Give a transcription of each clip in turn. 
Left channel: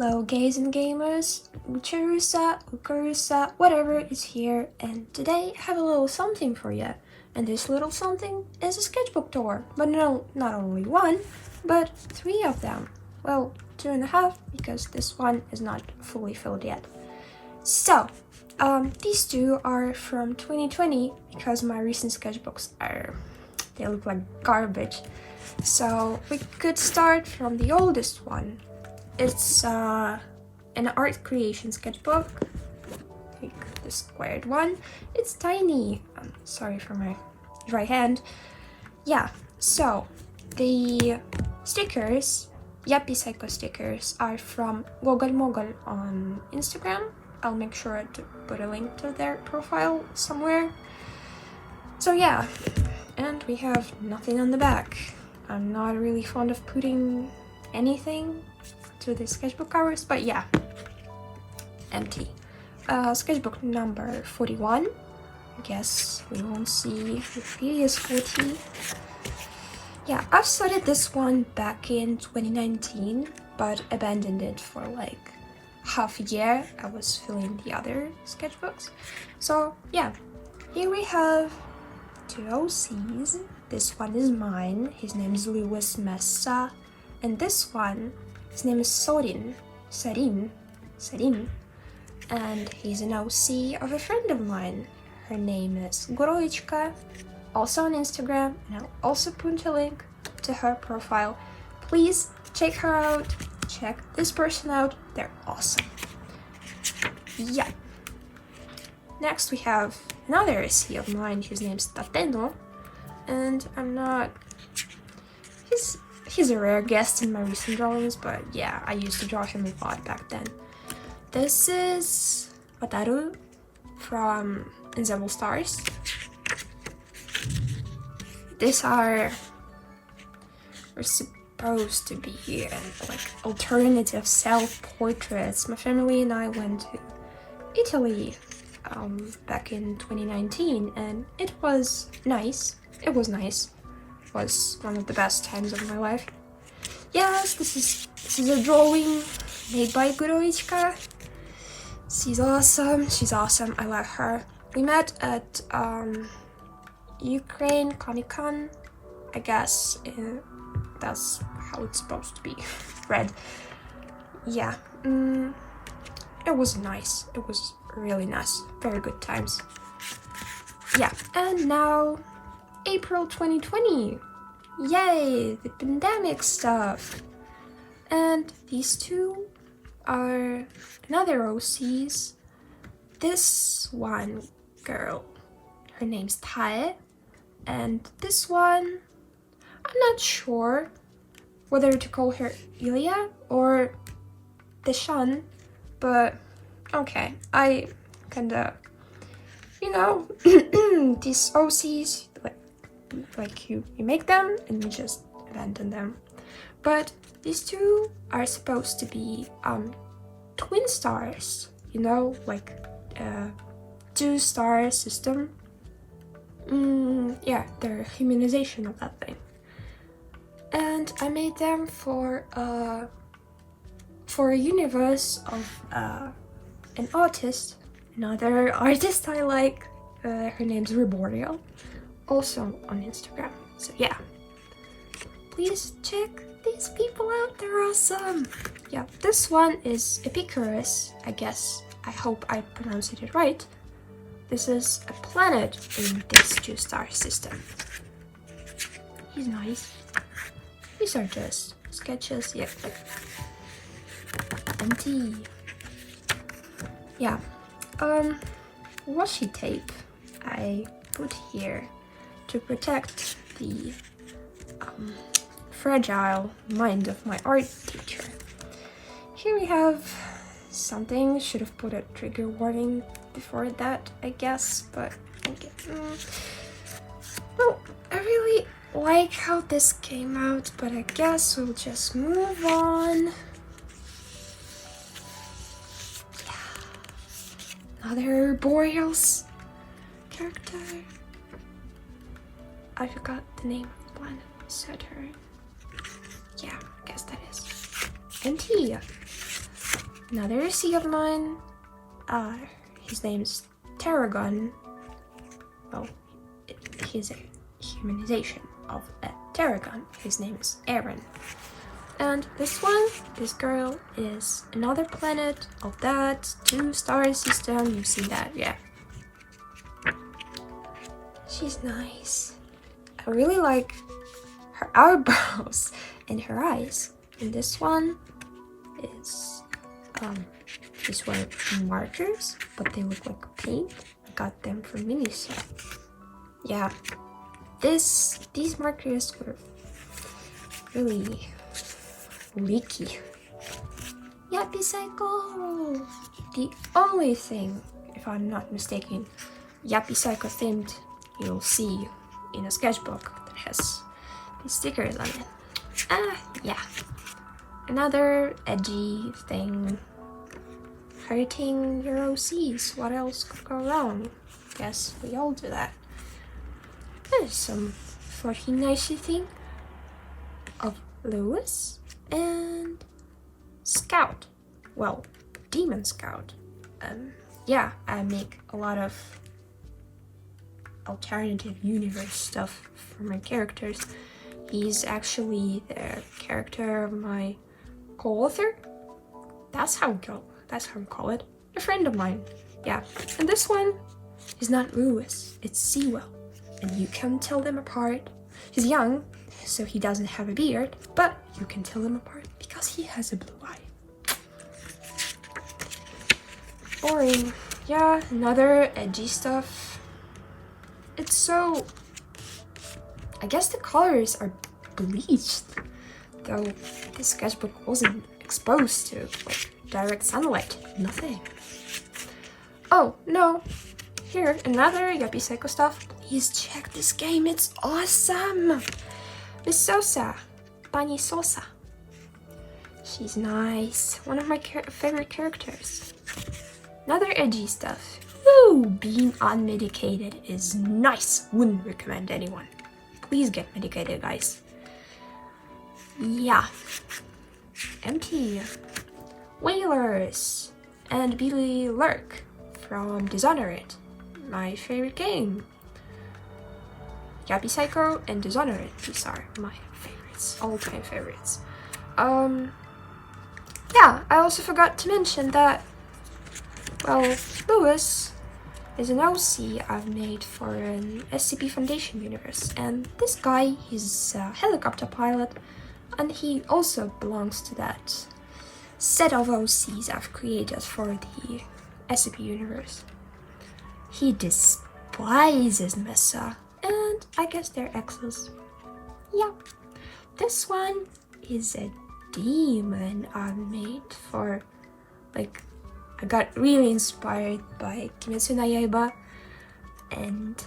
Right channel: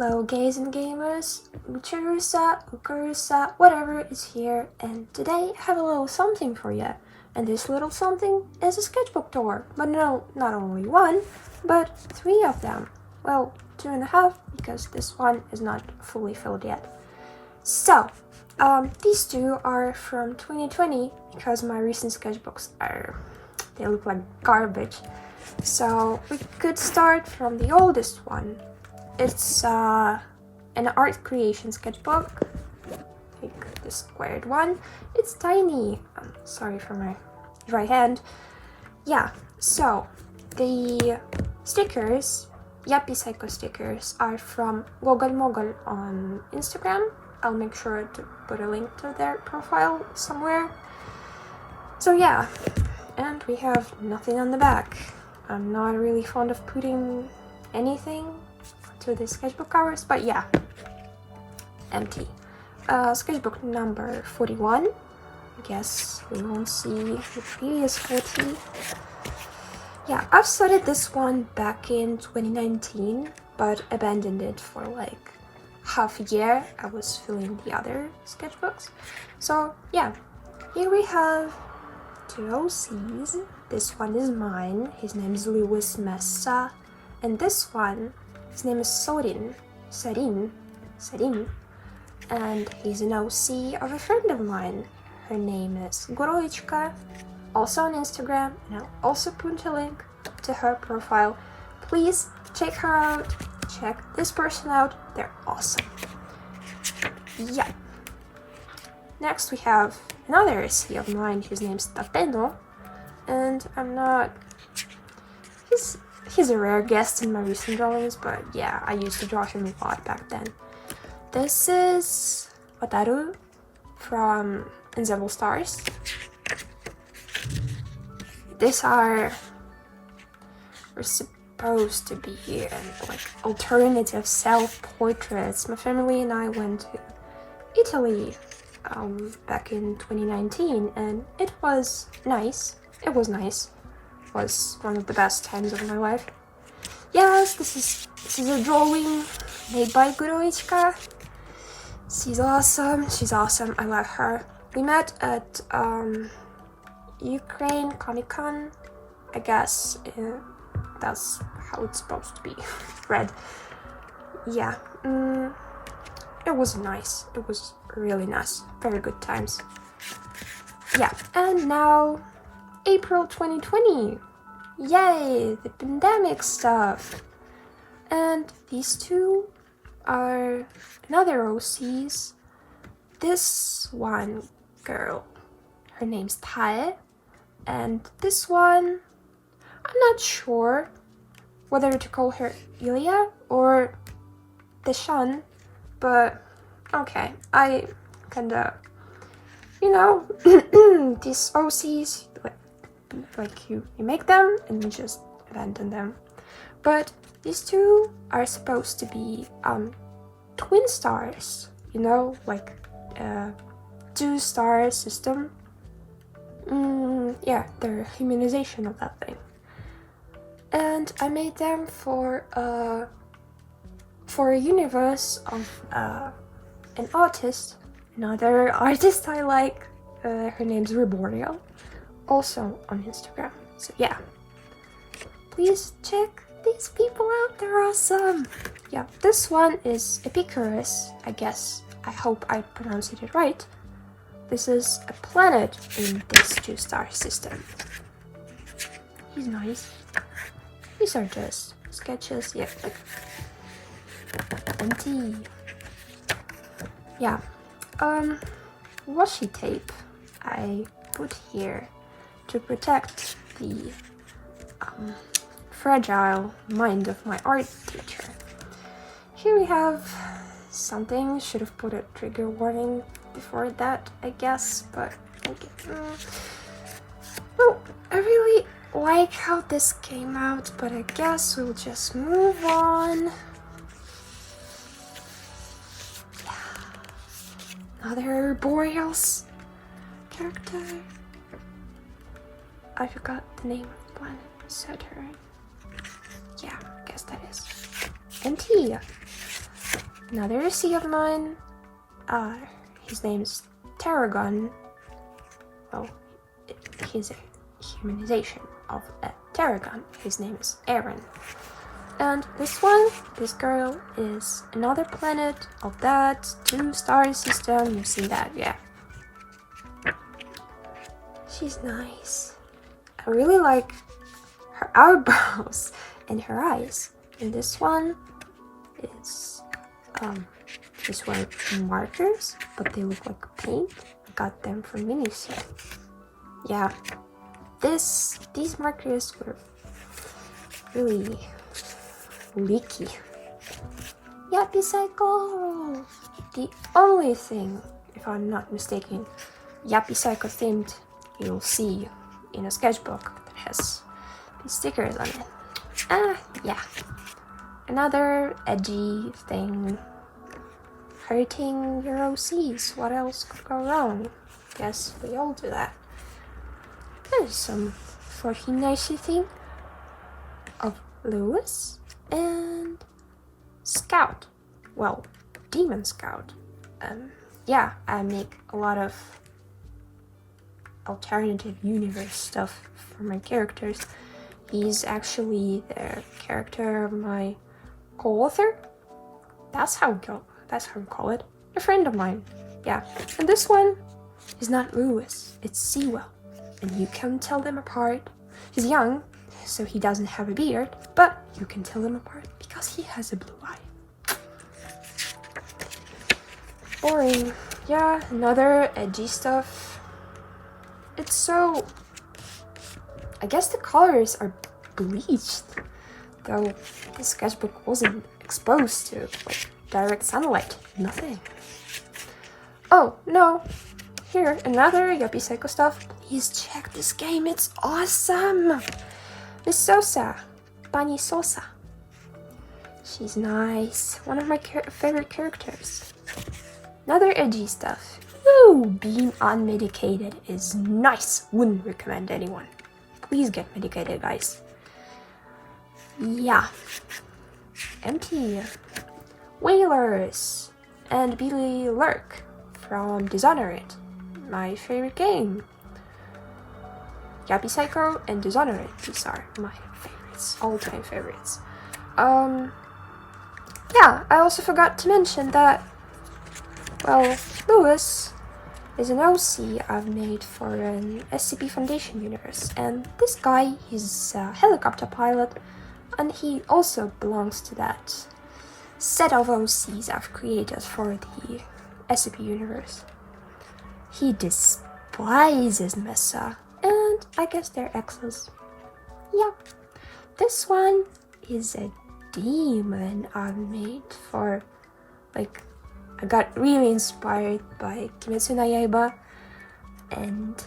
Hello gays and gamers, guroichka, whatever is here, and today I have a little something for you. And this little something is a sketchbook tour, but no, not only one, but 3 of them. Well, 2.5 because this one is not fully filled yet. So, these 2 are from 2020 because my recent sketchbooks they look like garbage. So we could start from the oldest one. It's an art creation sketchbook, like the squared one. It's tiny. Sorry for my dry hand. Yeah, so the stickers, Yappy Psycho stickers, are from Mogol on Instagram. I'll make sure to put a link to their profile somewhere. So yeah, and we have nothing on the back. I'm not really fond of putting anything to the sketchbook covers, but yeah, empty. Sketchbook number 41. I guess we won't see the previous 40. Yeah, I've started this one back in 2019, but abandoned it for like half a year. I was filling the other sketchbooks. So yeah, here we have 2 OCs. This one is mine. His name is Louis Messa, and this one, his name is Serin, and he's an OC of a friend of mine. Her name is Guroichka, also on Instagram, and I'll also put a link to her profile. Please check her out, check this person out, they're awesome. Yeah. Next we have another OC of mine, his name's Tateno, and he's a rare guest in my recent drawings, but yeah, I used to draw him a lot back then. This is Wataru from Invisible Stars. These are supposed to be like alternative self-portraits. My family and I went to Italy back in 2019, and it was nice. It was one of the best times of my life. Yes, this is a drawing made by guroichka. She's awesome, I love her. We met at Ukraine Comic-Con, I guess. That's how it's supposed to be read. Yeah, it was nice. It was really nice. Very good times. Yeah, and now April 2020. Yay, the pandemic stuff. And these 2 are another OCs. This one girl, her name's Tae, and this one, I'm not sure whether to call her Ilya or Deshan, but okay, I kinda, these OCs, like you make them and you just abandon them. But these 2 are supposed to be twin stars, like 2-star system. Yeah, they're humanization of that thing. And I made them for a universe of an artist, another artist I like. Her name's Reboreal, also on Instagram. So yeah, please check these people out, they're awesome. Yeah, this one is Epicurus, I guess. I hope I pronounced it right. This is a planet in this 2-star system. He's nice. These are just sketches, yeah, like empty. Yeah, washi tape I put here to protect the fragile mind of my art teacher. Here we have something. Should have put a trigger warning before that, I guess, but well, I really like how this came out, but I guess we'll just move on. Yeah. Another Boreals character. I forgot the name of the planet. Saturn. Yeah, I guess that is. And here, Another C of mine. His name's Tarragon. Well, he's a humanization of a Tarragon. His name is Aaron. And this girl is another planet of that 2-star system. You see that, yeah. She's nice. I really like her eyebrows and her eyes. And this one is, these were markers, but they look like paint. I got them from Miniso. Yeah, these markers were really leaky. Yappy Cycle! The only thing, if I'm not mistaken, Yappy Cycle themed you'll see in a sketchbook that has these stickers on it. Yeah. Another edgy thing. Hurting your OCs. What else could go wrong? Guess we all do that. There's some fucking nice thing of Lewis and Scout. Well, Demon Scout. Yeah, I make a lot of alternative universe stuff for my characters. He's actually the character of my co-author. That's how we call it. A friend of mine. Yeah. And this one is not Lewis, it's Sewell. And you can tell them apart. He's young, so he doesn't have a beard, but you can tell them apart because he has a blue eye. Boring. Yeah, another edgy stuff. It's so... I guess the colors are bleached, though the sketchbook wasn't exposed to direct sunlight. Nothing. Oh, no. Here, another Yuppie Psycho stuff. Please check this game, it's awesome! Miss Sosa. Bunny Sosa. She's nice. One of my favorite characters. Another edgy stuff. Woo! Being unmedicated is nice. Wouldn't recommend anyone. Please get medicated, guys. Yeah. Empty. Whalers. And Billy Lurk from Dishonored. My favorite game. Yappy Psycho and Dishonored. These are my favorites. All-time favorites. Yeah, I also forgot to mention that, well, Lewis is an OC I've made for an SCP Foundation universe, and this guy is a helicopter pilot, and he also belongs to that set of OCs I've created for the SCP universe. He despises Mesa, and I guess they're exes. Yeah, this one is a demon I've made for, like, I got really inspired by Kimetsu no Yaiba, and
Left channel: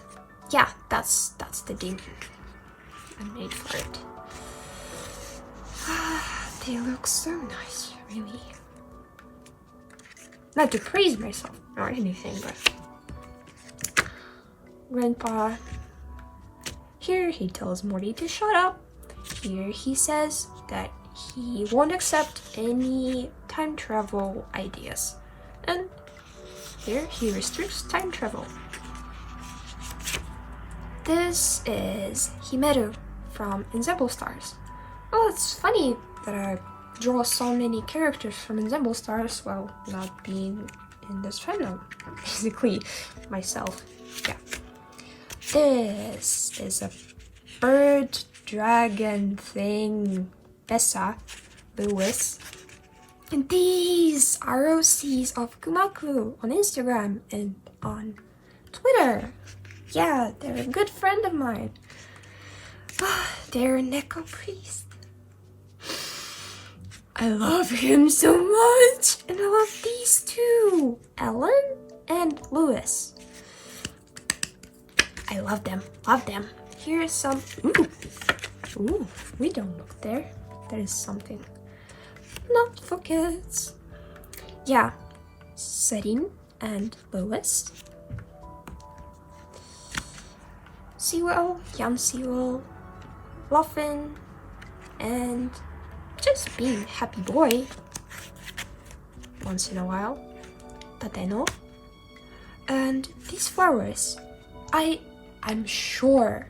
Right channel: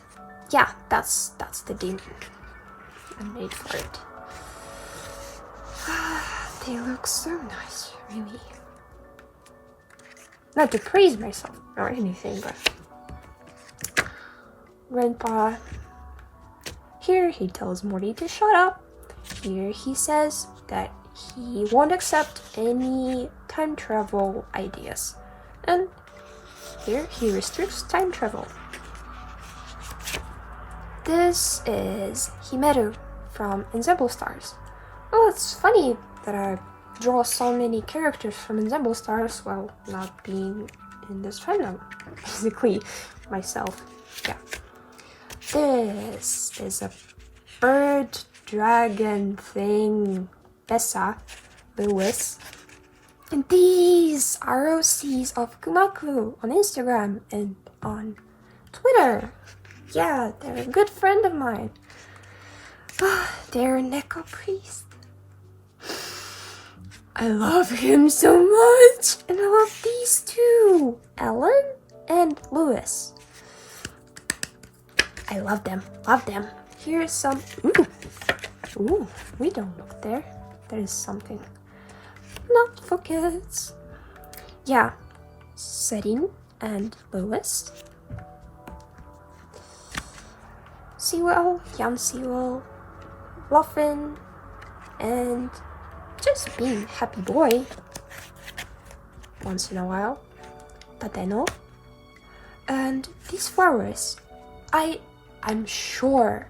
yeah, that's the demon I made for it. They look so nice, really. Not to praise myself or anything, but Grandpa, here he tells Morty to shut up. Here he says that he won't accept any time travel ideas. And here he restricts time travel. This is Himeru from Ensemble Stars. Well, it's funny that I draw so many characters from Ensemble Stars while not being in this fandom. Basically, myself. Yeah. This is a bird dragon thing. Bessa, Lewis. And these are OCs of koomaqu on Instagram and on Twitter. Yeah, they're a good friend of mine. They're a Neko priest. I love him so much. And I love these two, Ellen and Lewis. I love them, love them. Here's some, ooh, we don't look there. There is something not for kids. Yeah, Serin and Lewis. Sewell, young Sewell, Luffin, and just being happy boy. once in a while. Tateno. And these flowers, I'm sure,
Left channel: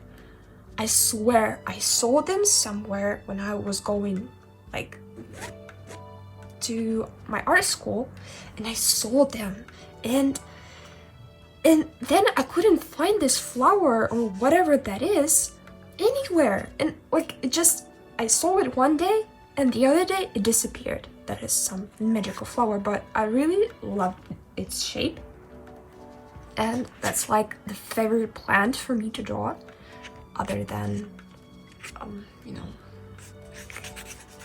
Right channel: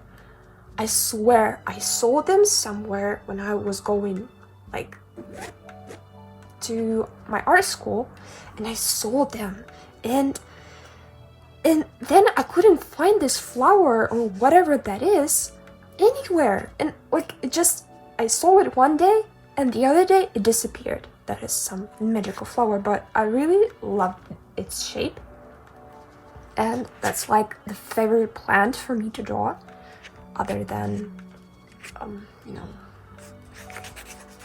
I swear I saw them somewhere when I was going like to my art school, and I saw them, and then I couldn't find this flower or whatever that is anywhere, and like I saw it one day and the other day it disappeared. That is some magical flower, but I really love its shape, and that's like the favorite plant for me to draw, other than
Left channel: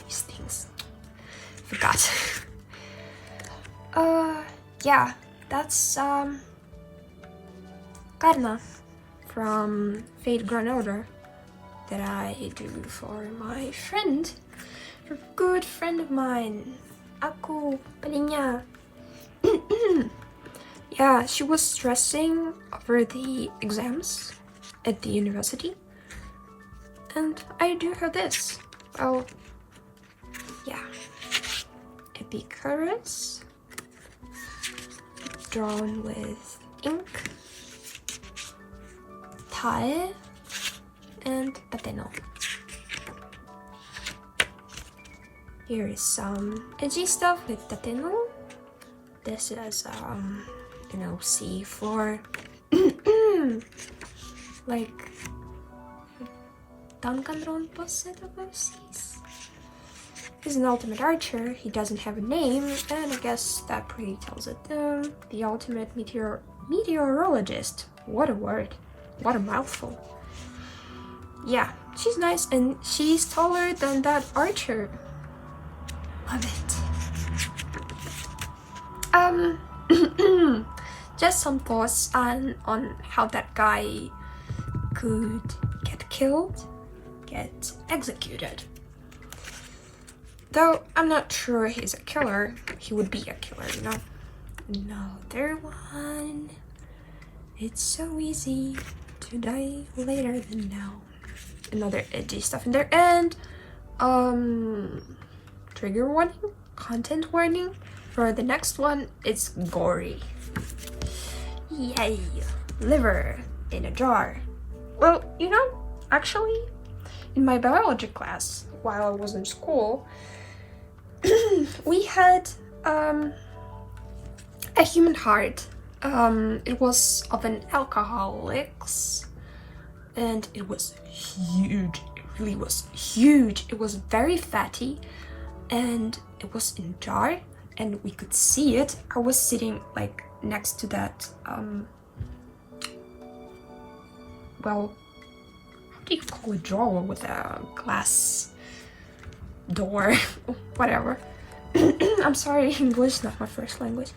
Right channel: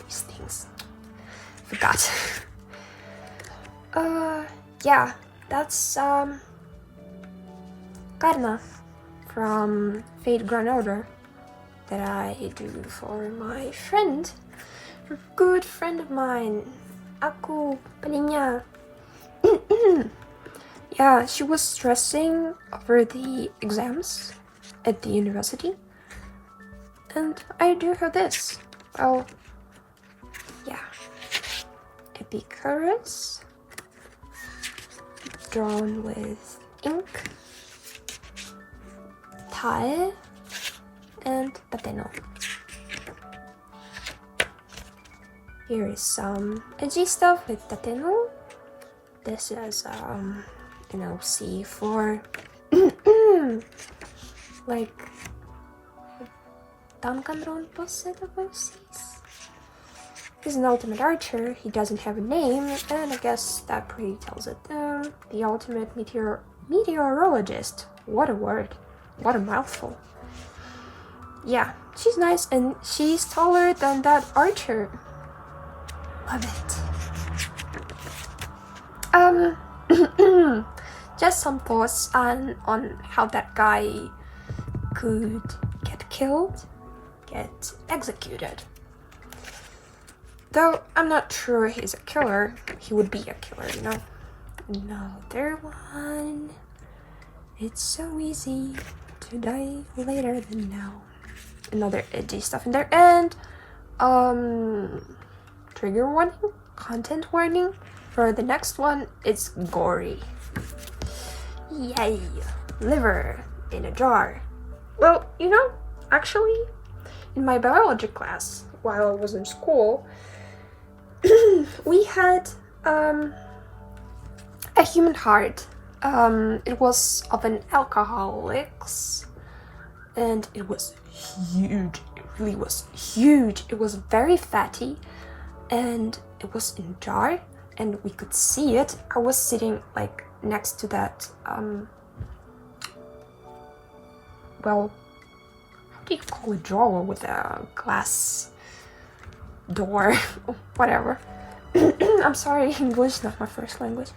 these things. Forgot. Yeah, that's Karna from Fate Grand Order that I do for my friend, for a good friend of mine, Aku Palinya. Yeah, she was stressing over the exams at the university, and I do her this. Oh, yeah. Epicurus, drawn with ink, tae, and pateno. Here is some edgy stuff with tateno. This is C for like Danganron Posset overseas. He's an ultimate archer. He doesn't have a name, and I guess that pretty tells it. The ultimate meteorologist. What a word. What a mouthful. Yeah, she's nice, and she's taller than that archer. Love it. Just some thoughts on how that guy could get killed, get executed. Though I'm not sure he's a killer. He would be a killer, you know? Another one. It's so easy to die later than now. Another edgy stuff in there, and trigger warning, content warning for the next one. It's gory. Yay! Liver in a jar. Well, actually, in my biology class, while I was in school, we had a human heart. It was of an alcoholics, and it was huge. It really was huge. It was very fatty, and it was in a jar, and we could see it. I was sitting like next to that how do you call a drawer with a glass door? Whatever. I'm sorry, English is not my first language.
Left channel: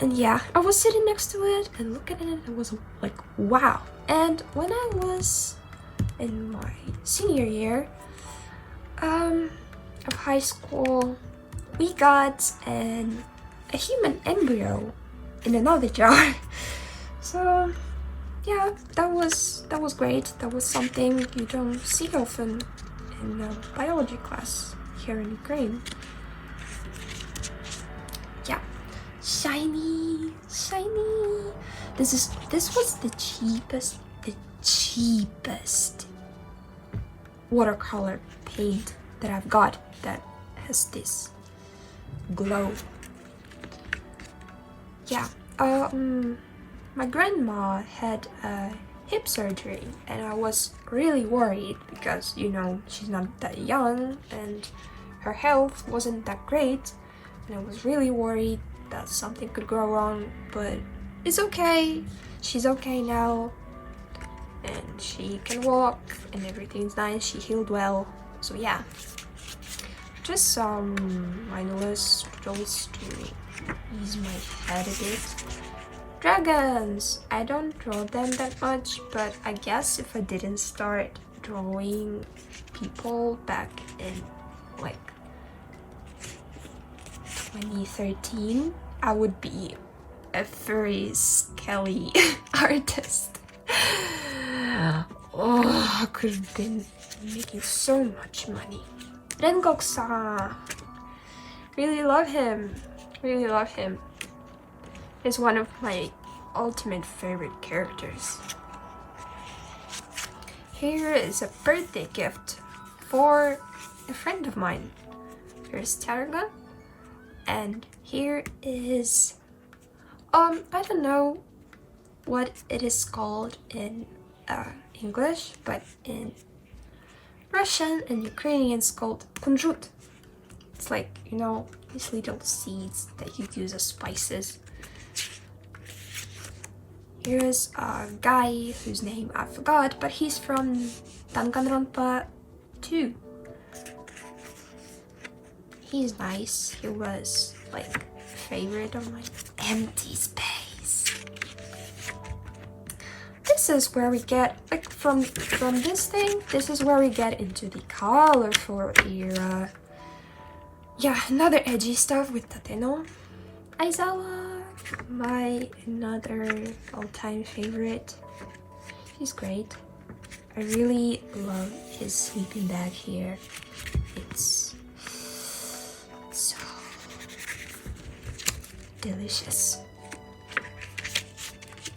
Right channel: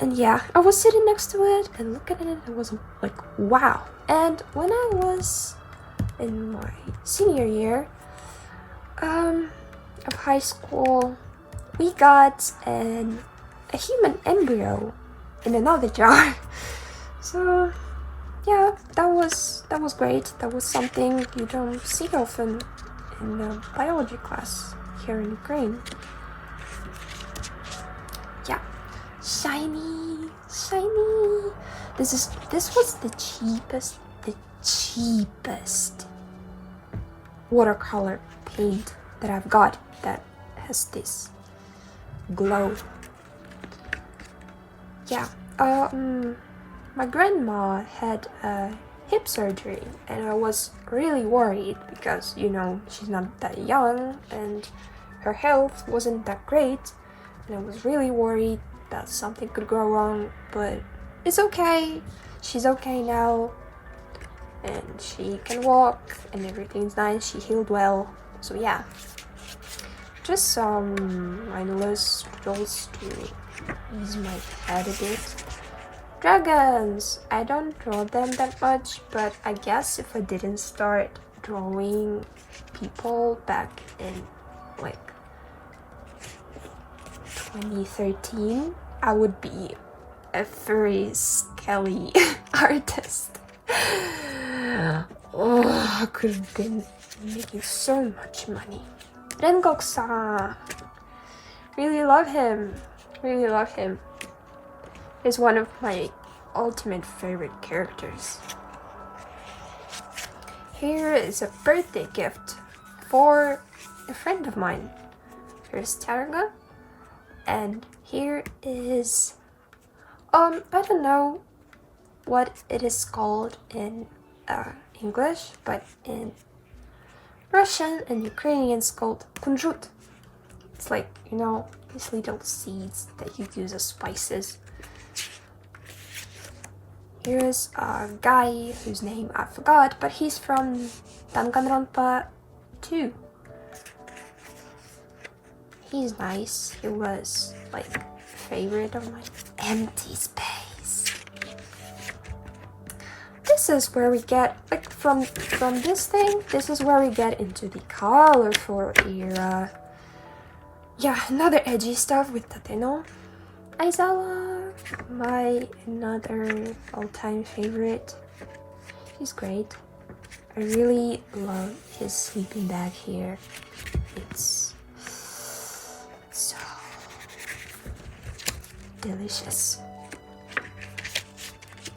And yeah, I was sitting next to it and looking at it, and was like, wow. And when I was in my senior year of high school, we got a human embryo in another jar. So yeah, that was great. That was something you don't see often in a biology class here in Ukraine. Yeah, shiny. This was the cheapest watercolor paint that I've got that has this glow. Yeah, my grandma had a hip surgery, and I was really worried because, she's not that young and her health wasn't that great, and I was really worried that something could go wrong, but it's okay. She's okay now, and she can walk, and everything's nice. She healed well, so yeah. Just some mindless doodles to ease my head a bit. Dragons! I don't draw them that much, but I guess if I didn't start drawing people back in like 2013, I would be a very skelly artist. Oh, I could have been making so much money. Renkok-san, really love him. Really love him. He's one of my ultimate favorite characters. Here is a birthday gift for a friend of mine. Here's Targa. And here is, I don't know what it is called in English, but in Russian and Ukrainian it's called kunjut. It's like, you know, these little seeds that you use as spices. Here's a guy whose name I forgot, but he's from Danganronpa 2. He's nice. He was like a favorite of mine. Empty space. This is where we get, like, from this thing, this is where we get into the colorful era. Yeah, another edgy stuff with Tateno. Aizawa, my another all-time favorite. He's great. I really love his sleeping bag here. It's so delicious.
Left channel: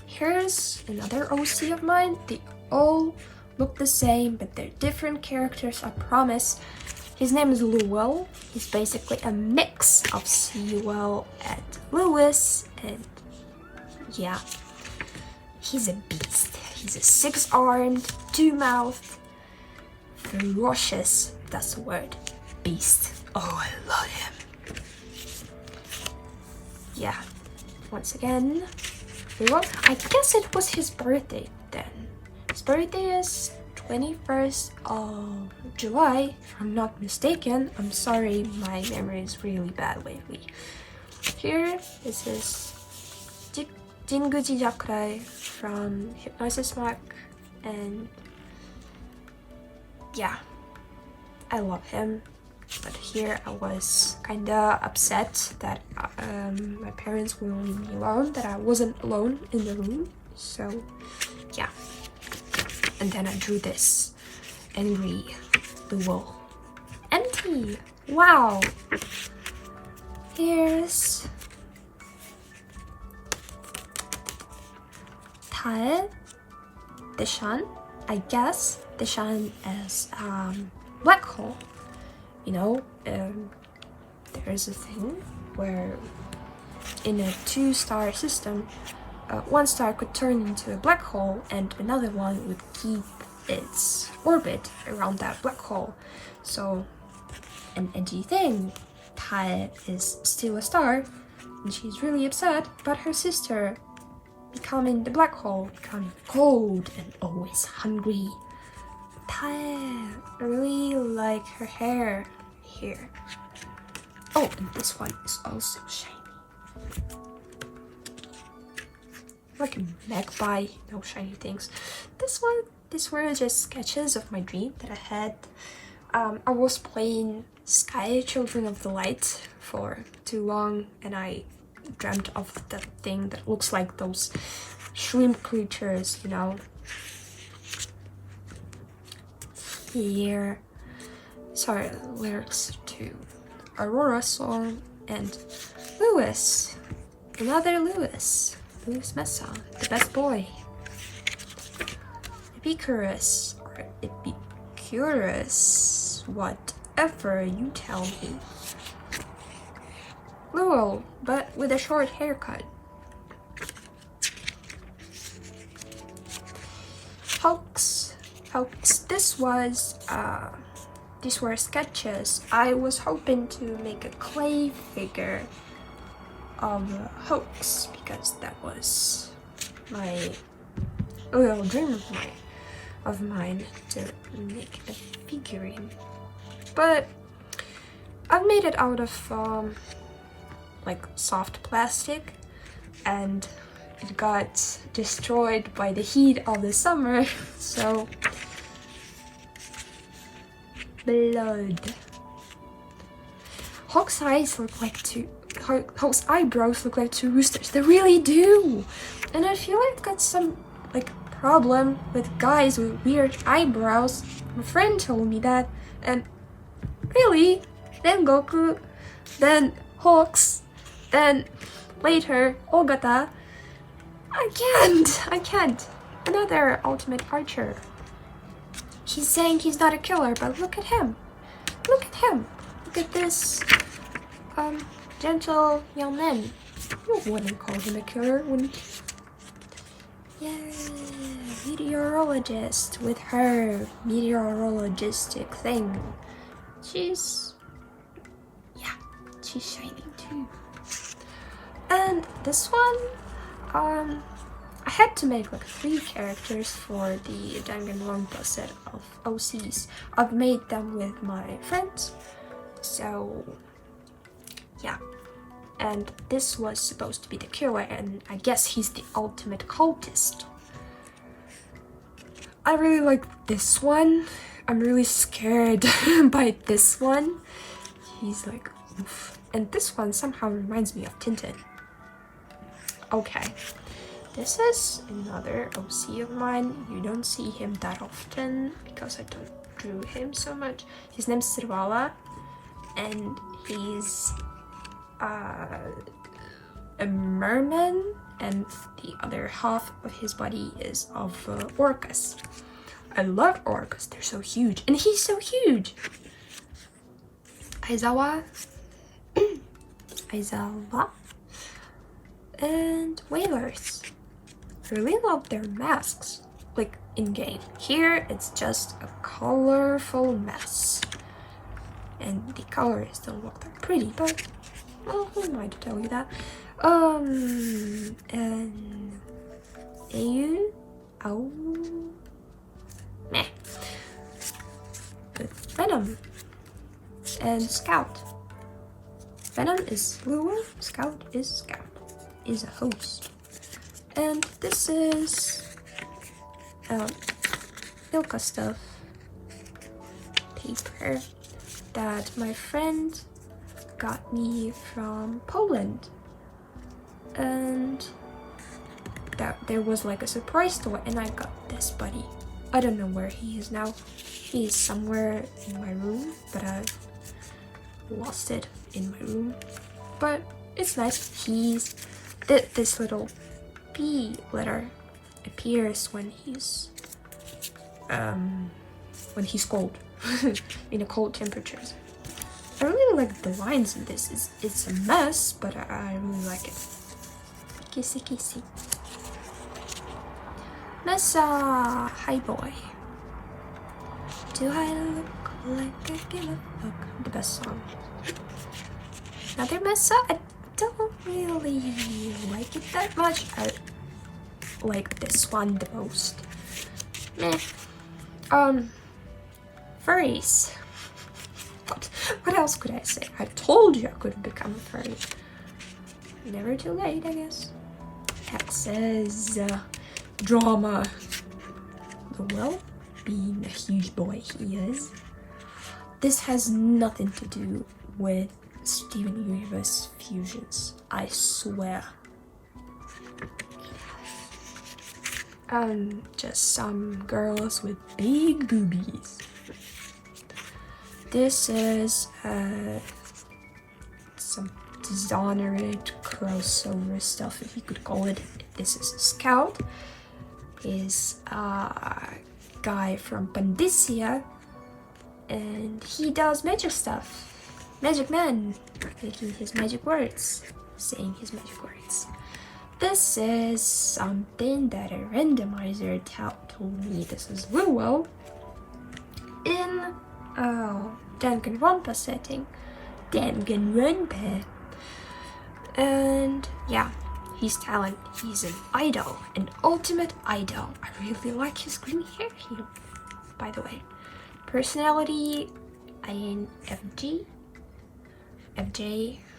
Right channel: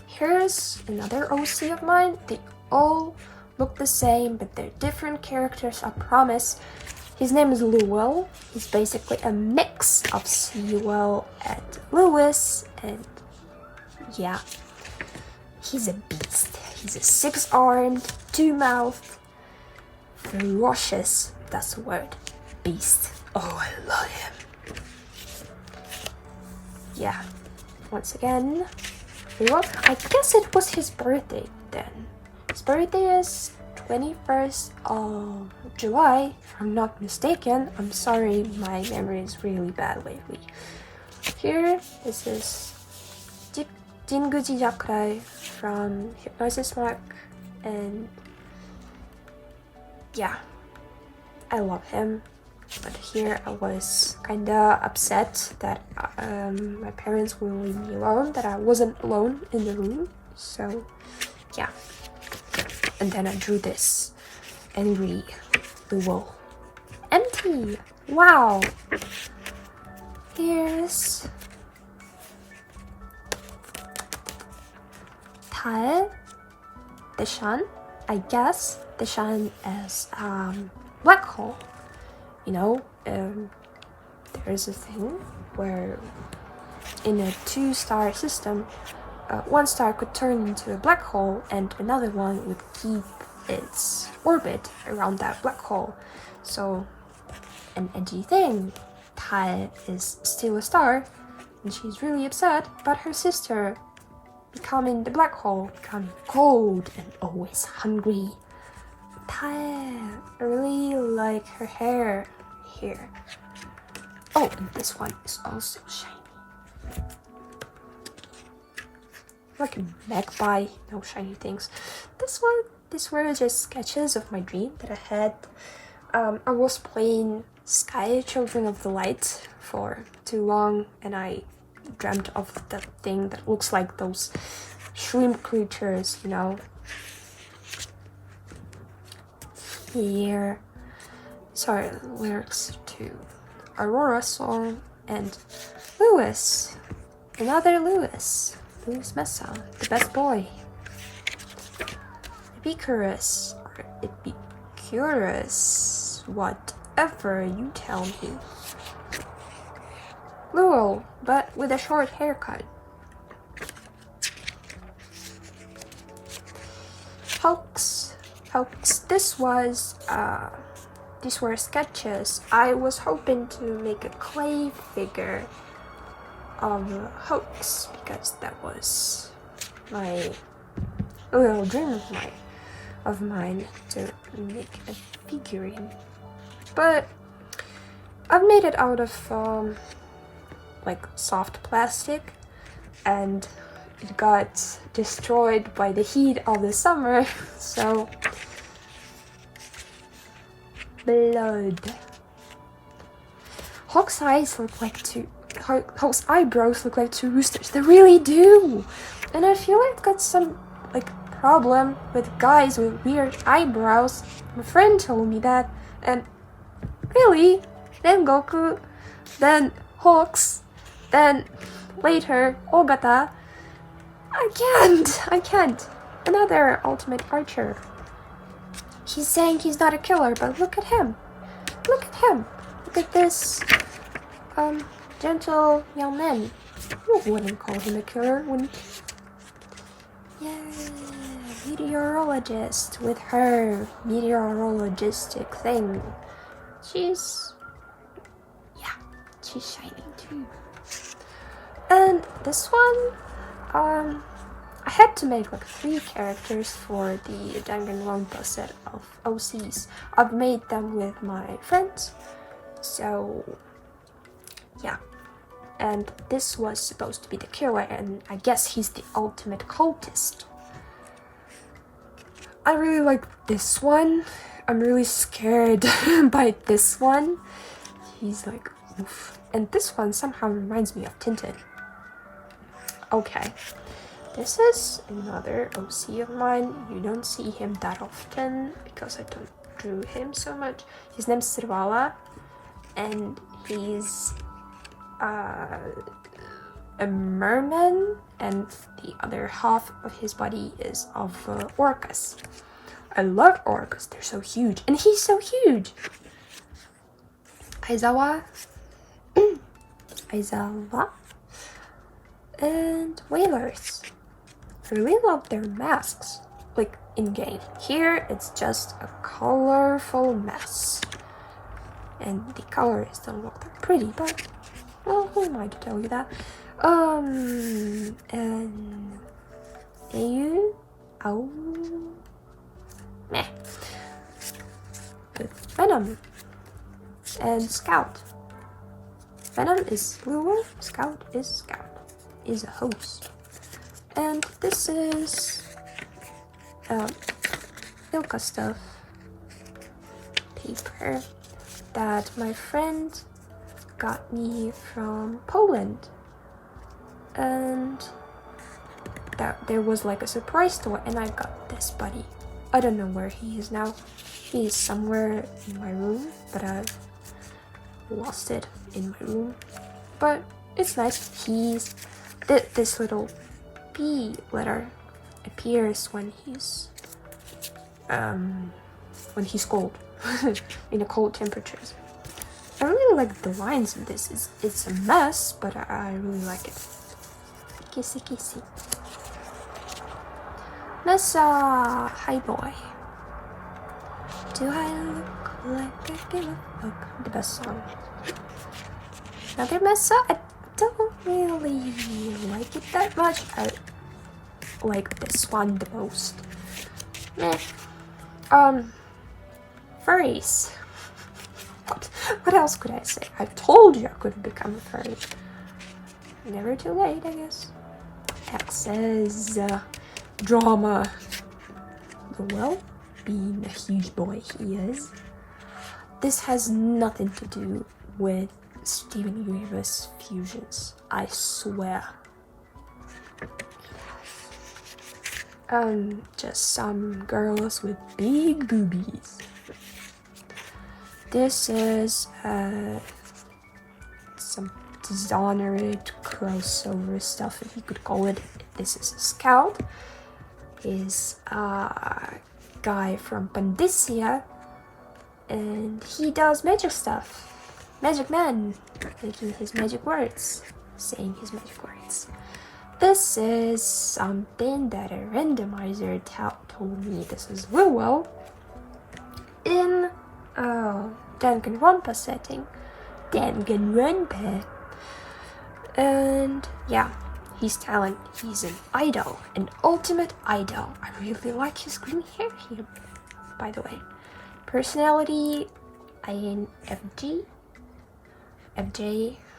Here's another OC of mine. They all look the same, but they're different characters, I promise. His name is Lewell. He's basically a mix of Sewell and Lewis, and yeah, he's a beast. He's a 6-armed, 2-mouthed, ferocious, that's the word, beast. Oh, I love him. Yeah, once again, Lewell. I guess it was his birthday then. His birthday is 21st of July, if I'm not mistaken. I'm sorry, my memory is really bad lately. Here, this is Jinguji Jakurai from Hypnosis Mark, and yeah, I love him. But here I was kinda upset that my parents wouldn't leave me alone, that I wasn't alone in the room, so yeah. And then I drew this angry Lewell. Empty! Wow! Here's Tae, Deshan. I guess Deshan is black hole. You know, there's a thing where in a 2-star system, one star could turn into a black hole and another one would keep its orbit around that black hole. So, an edgy thing. Tai is still a star, and she's really upset about her sister becoming the black hole, becoming cold and always hungry. Tai, I really like her hair here. Oh, and this one is also shiny. Like a magpie, no shiny things. These were just sketches of my dream that I had. I was playing Sky Children of the Light for too long, and I dreamt of that thing that looks like those shrimp creatures, you know. Here, sorry, lyrics to Aurora song, and Lewis, another Lewis Mesa, the best boy. Epicurus, or Epicurus, whatever you tell me. Lewell, but with a short haircut. Hulks, these were sketches. I was hoping to make a clay figure of Hulks because that was my little dream of mine to make a figurine. But I've made it out of like soft plastic, and it got destroyed by the heat of the summer, so blood. Hawk's eyes look like Hawk's eyebrows look like 2 roosters. They really do, and I feel like I've got some like problem with guys with weird eyebrows. My friend told me that, and really, then Goku, then Hawks, Then later, Ogata, I can't. Another ultimate archer. He's saying he's not a killer, but look at him. Look at him. Look at this, gentle young man. You wouldn't call him a killer, wouldn't you? Yeah, meteorologist with her meteorologistic thing. She's shining too. And this one, I had to make like 3 characters for the Danganronpa set of OCs. I've made them with my friends, so yeah. And this was supposed to be the killer, and I guess he's the ultimate cultist. I really like this one. I'm really scared by this one. He's like, oof. And this one somehow reminds me of Tintin. Okay. This is another OC of mine. You don't see him that often because I don't drew him so much. His name's Sirwala, and he's a merman, and the other half of his body is of orcas. I love orcas, they're so huge, and he's so huge! Aizawa, and whalers. I really love their masks, like in-game. Here, it's just a colorful mess. And the colors don't look that pretty, but, well, who am I to tell you that? And Ayu, meh. With Venom and Scout. Venom is Lulu, Scout is a host. And this is Ilka stuff paper that my friend got me from Poland, and that there was like a surprise store, and I got this buddy. I don't know where he is now. He's somewhere in my room, but I've lost it in my room. But it's nice. He's this little P letter appears when he's cold in a cold temperatures. I really like the lines in this. It's a mess, but I really like it. Kissy kissy. Messa, hi boy. Do I look like I give a fuck? The best song. Another Messa. I don't really like it that much. I like this one the most. Meh. Furries. What else could I say? I told you I could become a furry. Never too late, I guess. That says drama. Well, being a huge boy he is. This has nothing to do with Steven Universe fusions, I swear. Just some girls with big boobies. This is some Dishonored crossover stuff, if you could call it. This is Scout. Is a guy from Pandicia, and he does magic stuff. Magic man, making his magic words, saying his magic words. This is something that a randomizer told me this is well in Danganronpa setting. Danganronpa. And yeah, his talent, he's an idol, an ultimate idol. I really like his green hair here, by the way. Personality, INFJ,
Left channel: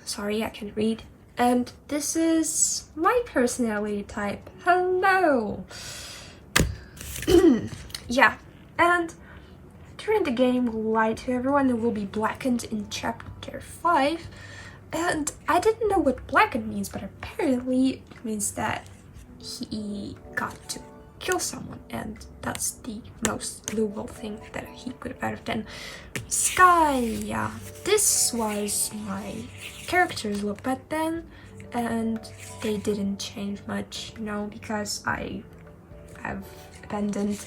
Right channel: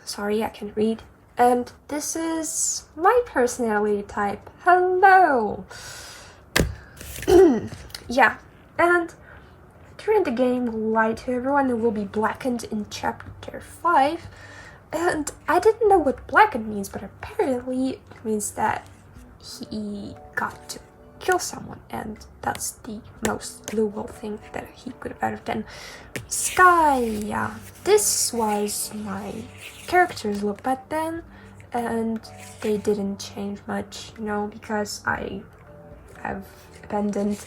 sorry I can't read. And this is my personality type. Hello! Yeah, and during the game, we'll lie to everyone, it will be blackened in chapter 5. And I didn't know what blackened means, but apparently it means that he got to kill someone, and that's the most doable thing that he could have done. Sky, yeah, this was my character's look back then, and they didn't change much, you know, because I've abandoned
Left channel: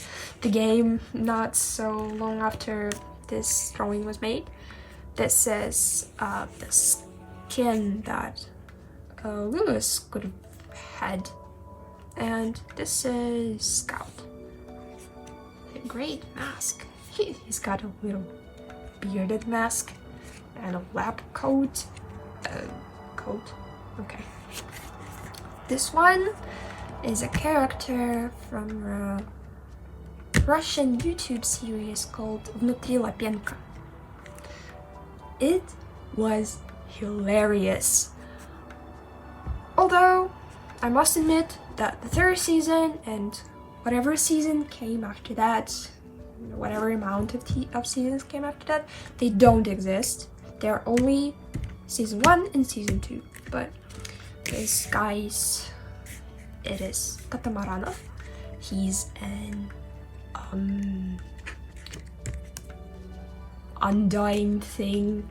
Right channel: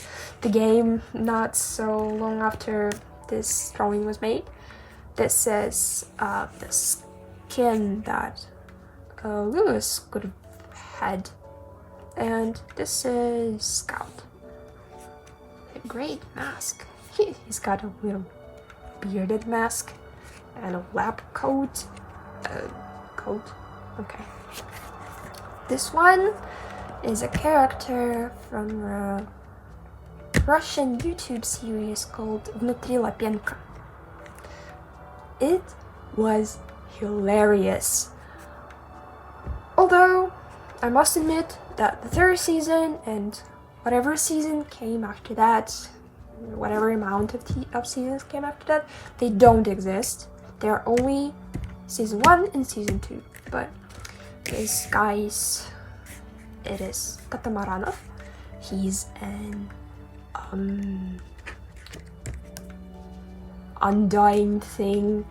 the game not so long after this drawing was made. This is the skin that Lewis could have had, and this is Scout. A great mask. He's got a little bearded mask and a lab coat. Okay. This one is a character from a Russian YouTube series called Внутри Лапенко. It was hilarious. Although, I must admit that the third season and whatever season came after that, whatever amount of seasons came after that, they don't exist. They're only season 1 and season 2. But this guy's, it is Katamaranov. He's an undying thing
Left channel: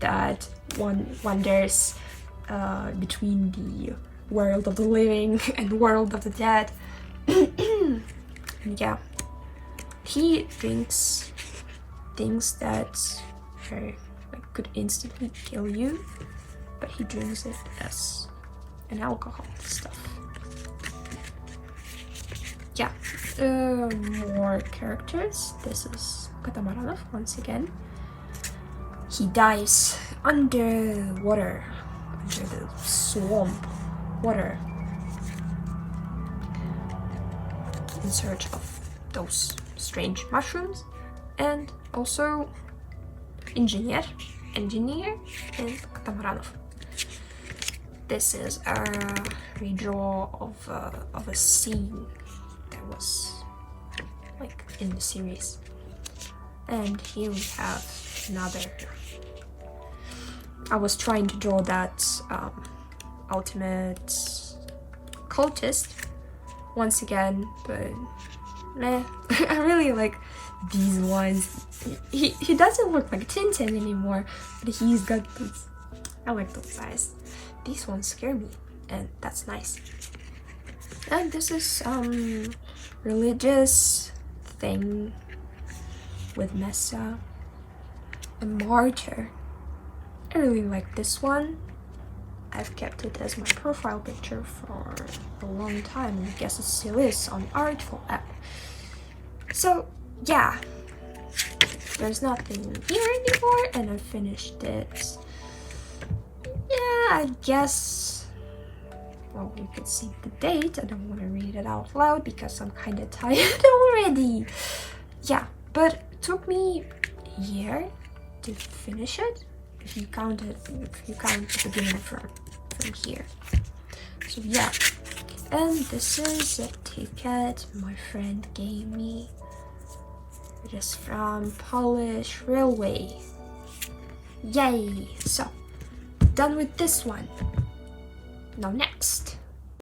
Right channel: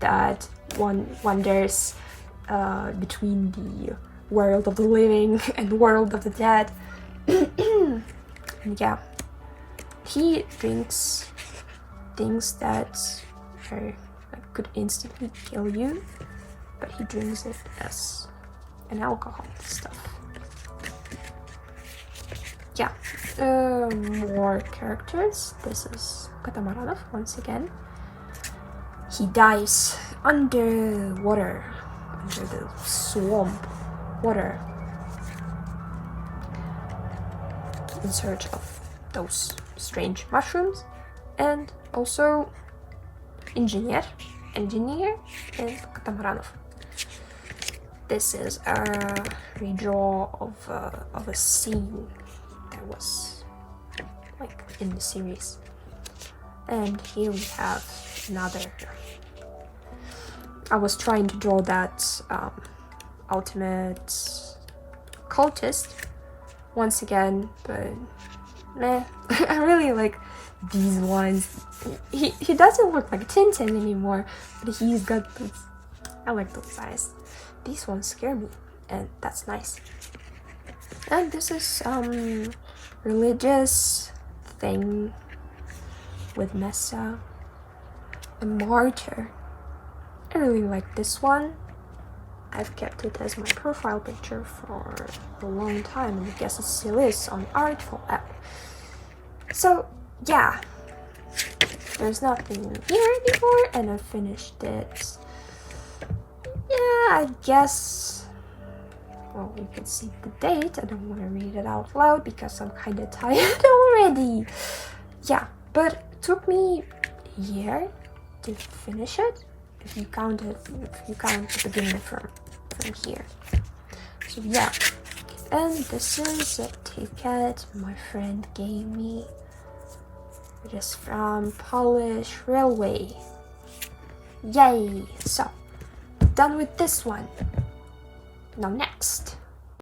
that one wanders between the world of the living and world of the dead. And yeah, he drinks things that could instantly kill you, but he drinks it as an alcohol stuff. Yeah, more characters. This is Katamaranov once again. He dives underwater, under the swamp water, in search of those strange mushrooms, and also engineer and Katamaranov. This is a redraw of a scene that was like in the series, and here we have another. I was trying to draw that ultimate cultist once again, but meh. I really like these ones. He doesn't look like Tintin anymore, but he's got those. I like those eyes. These ones scare me, and that's nice. And this is religious thing with Mesa, a martyr. I really like this one. I've kept it as my profile picture for a long time, and I guess it still is on Artful app. So yeah, there's nothing here anymore, and I finished it. Yeah, I guess. Well, you could see the date. I don't want to read it out loud because I'm kind of tired already. Yeah, but it took me a year to finish it. If you count the beginning from here. So yeah, and this is a ticket my friend gave me. It is from Polish Railway. Yay! So, done with this one. Now next.